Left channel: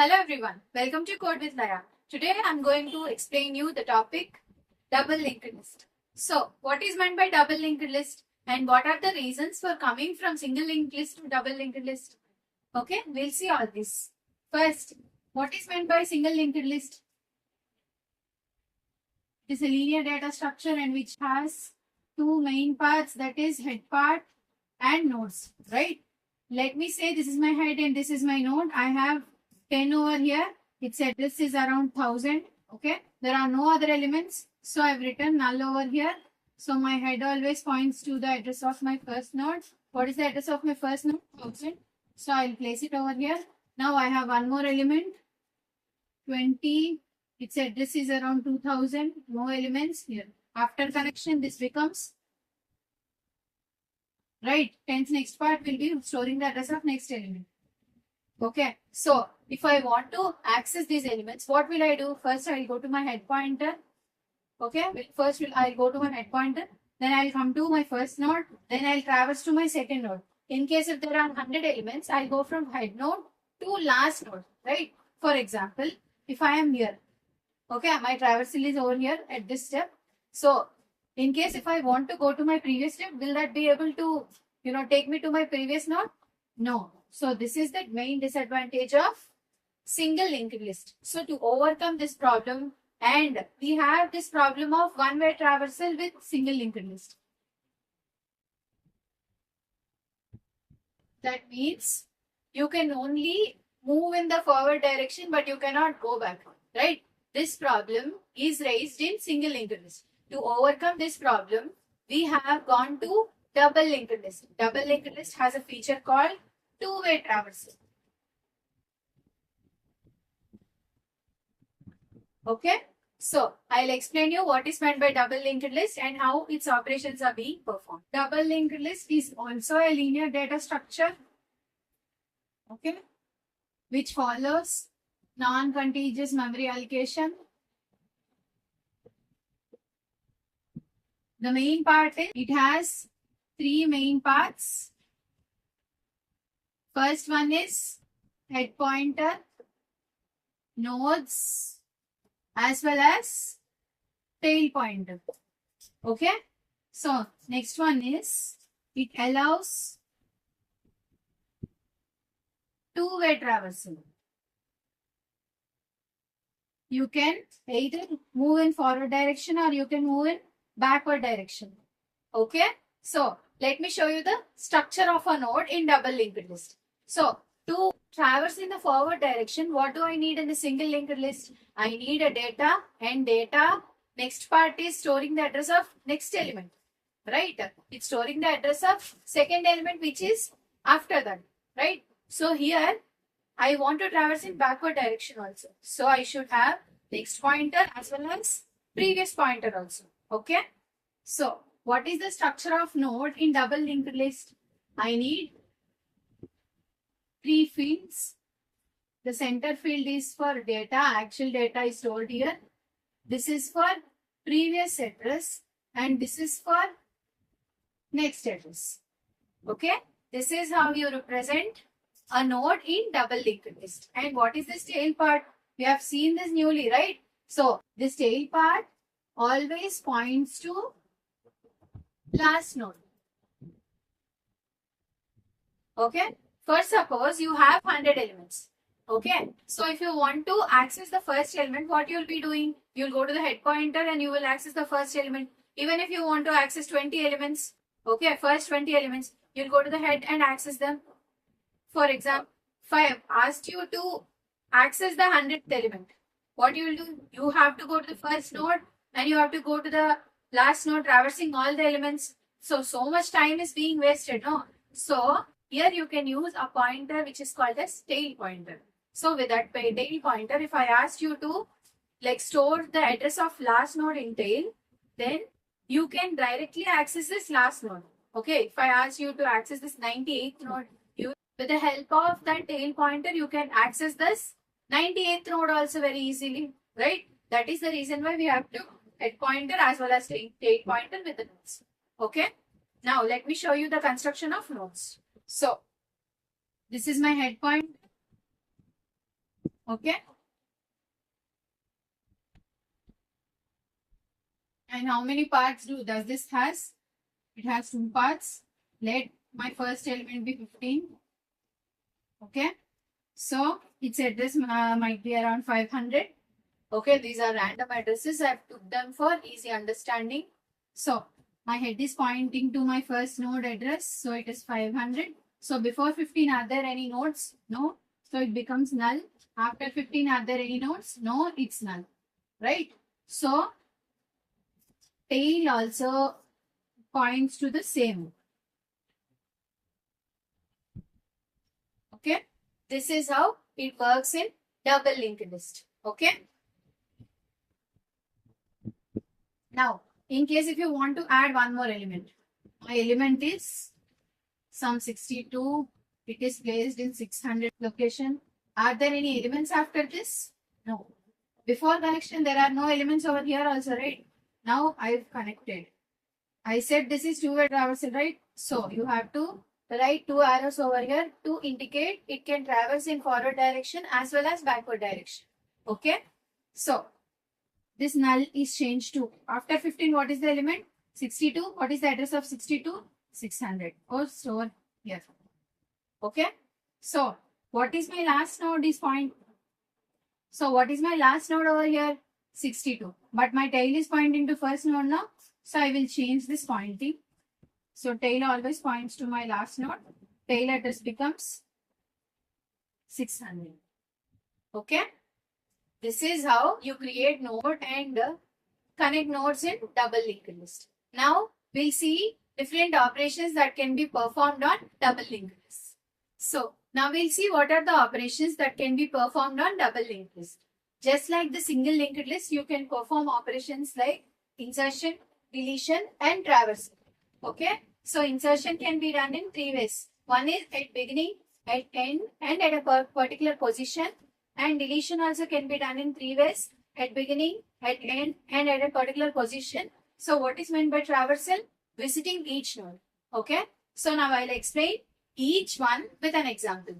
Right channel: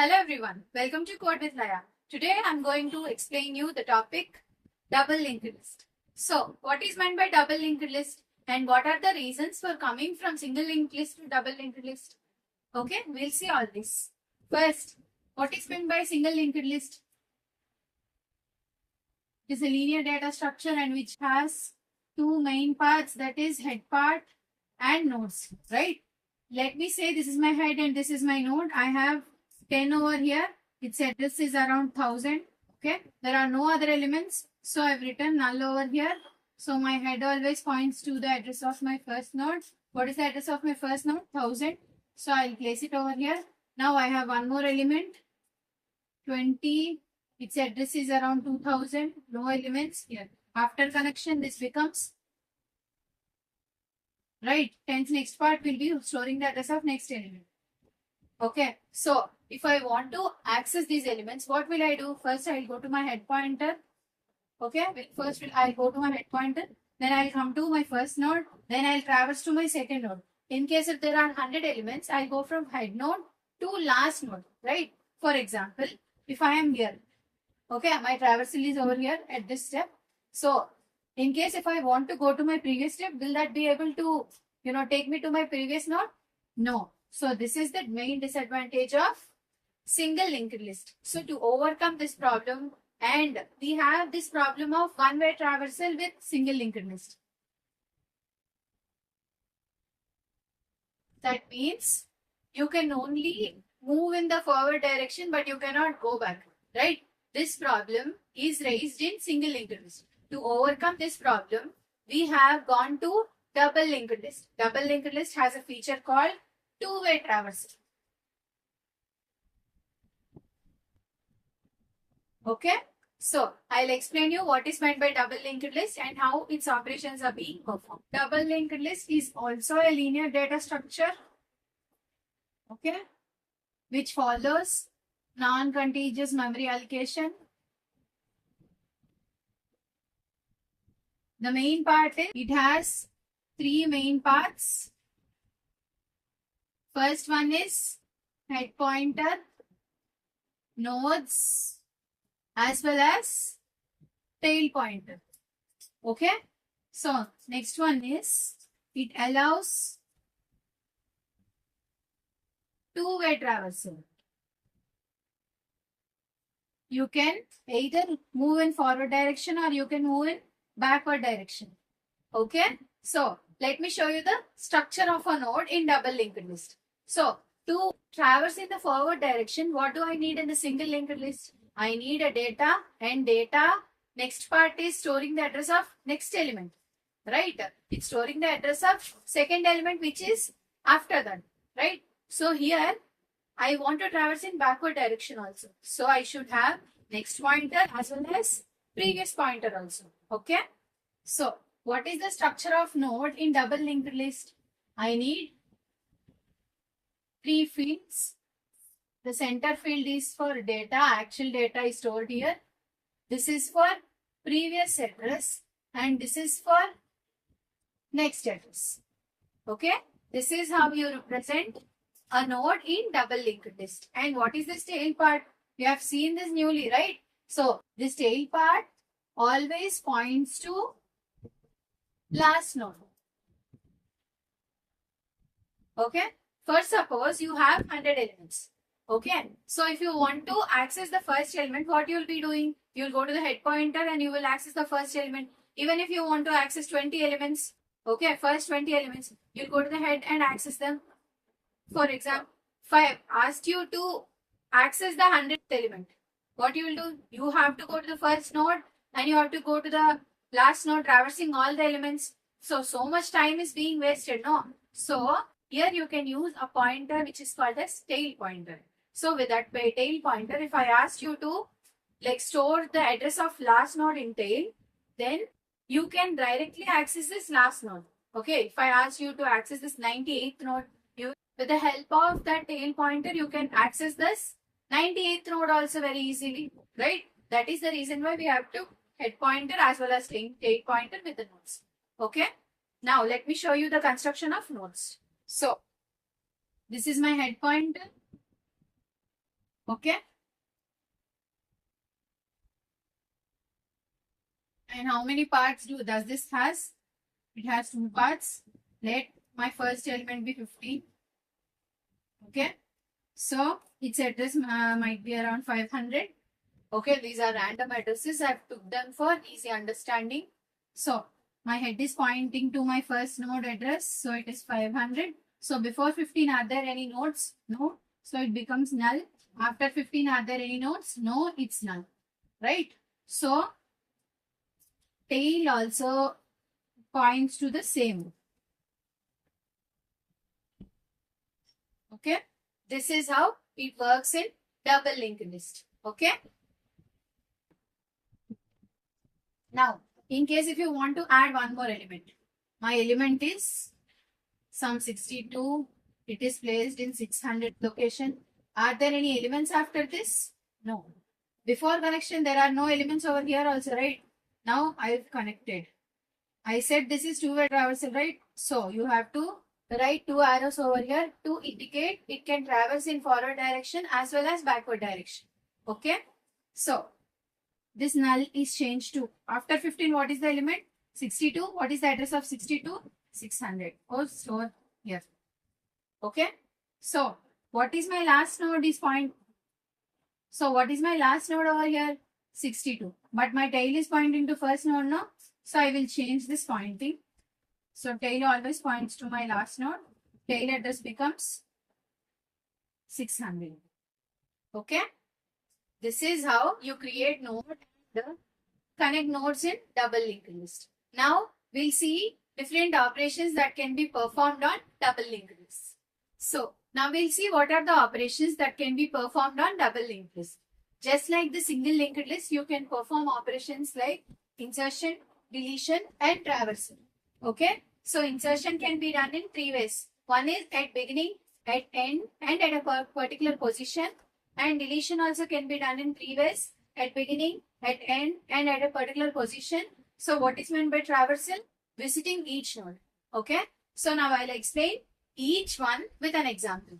Hello everyone, welcome to Code with Laya. Today I am going to explain you the topic double linked list. So what is meant by double linked list and what are the reasons for coming from single linked list to double linked list? Okay, we'll see all this. First, what is meant by single linked list? It is a linear data structure and which has two main parts, that is head part and nodes, right? Let me say this is my head and this is my node. I have 10 over here. Its address is around 1000. Okay. There are no other elements. So I've written null over here. So my head always points to the address of my first node. What is the address of my first node? 1000. So I'll place it over here. Now I have one more element. 20. Its address is around 2000. No elements here. After connection, this becomes right. 10th next part will be storing the address of next element. Okay. So if I want to access these elements, what will I do? First, I'll go to my head pointer. Okay. I'll go to my head pointer. Then I'll come to my first node. Then I'll traverse to my second node. In case if there are 100 elements, I'll go from head node to last node. Right. For example, if I am here. Okay. My traversal is over here at this step. So in case if I want to go to my previous step, will that be able to, take me to my previous node? No. So this is the main disadvantage of single linked list. So to overcome this problem, and we have this problem of one-way traversal with single linked list. That means you can only move in the forward direction, but you cannot go back, right? This problem is raised in single linked list. To overcome this problem, we have gone to double linked list. Double linked list has a feature called two-way traversal. Okay. So I'll explain you what is meant by double linked list and how its operations are being performed. Double linked list is also a linear data structure. Okay. Which follows non-contiguous memory allocation. The main part is, it has three main parts. First one is head pointer, nodes, as well as tail pointer. Okay. So next one is, it allows two-way traversal. You can either move in forward direction or you can move in backward direction. Okay. So let me show you the structure of a node in double linked list. So to traverse in the forward direction, what do I need in the single linked list? I need a data, and data next part is storing the address of next element, right? It's storing the address of second element which is after that, right? So here I want to traverse in backward direction also. So I should have next pointer as well as previous pointer also. Okay. So what is the structure of node in double linked list? I need three fields. The center field is for data. Actual data is stored here. This is for previous address and this is for next address. Okay. This is how you represent a node in double linked list. And what is this tail part? We have seen this newly, right? So this tail part always points to last node. Okay. First, suppose you have 100 elements. Okay. So if you want to access the first element, what you will be doing? You will go to the head pointer and you will access the first element. Even if you want to access 20 elements, okay, first 20 elements, you will go to the head and access them. For example, if I have asked you to access the 100th element, what you will do? You have to go to the first node and you have to go to the last node, traversing all the elements. So much time is being wasted, no? So here you can use a pointer which is called as tail pointer. So with that tail pointer, if I asked you to store the address of last node in tail, then you can directly access this last node. Okay, if I ask you to access this 98th node, with the help of that tail pointer, you can access this 98th node also very easily, right? That is the reason why we have to head pointer as well as tail pointer with the nodes. Okay. Now let me show you the construction of nodes. So this is my head pointer. Okay. And how many parts does this has? It has 2 parts. Let my first element be 15. Okay. So its address might be around 500. Okay. These are random addresses. I've took them for easy understanding. So my head is pointing to my first node address. So it is 500. So before 15, are there any nodes? No. So it becomes null. After 15, are there any nodes? No, it's null. Right? So tail also points to the same. Okay. This is how it works in double linked list. Okay. Now, in case if you want to add one more element, my element is some 62. It is placed in 600 location. Are there any elements after this? No. Before connection, there are no elements over here also, right? Now I've connected. I said this is two-way traversal, right? So you have to write 2 arrows over here to indicate it can traverse in forward direction as well as backward direction. Okay. So this null is changed to after 15. What is the element? 62. What is the address of 62? 600. Oh, so here. Okay. So what is my last node is point. So what is my last node over here? 62. But my tail is pointing to first node now. So I will change this pointing. So tail always points to my last node. Tail address becomes 600. Okay. This is how you create node and connect nodes in double linked list. Now we'll see different operations that can be performed on double linked list. So now we'll see what are the operations that can be performed on double linked list. Just like the single linked list, you can perform operations like insertion, deletion and traversal. Okay. So insertion can be done in 3 ways. One is at beginning, at end and at a particular position. And deletion also can be done in 3 ways. At beginning, at end and at a particular position. So what is meant by traversal? Visiting each node. Okay. So now I'll explain each one with an example.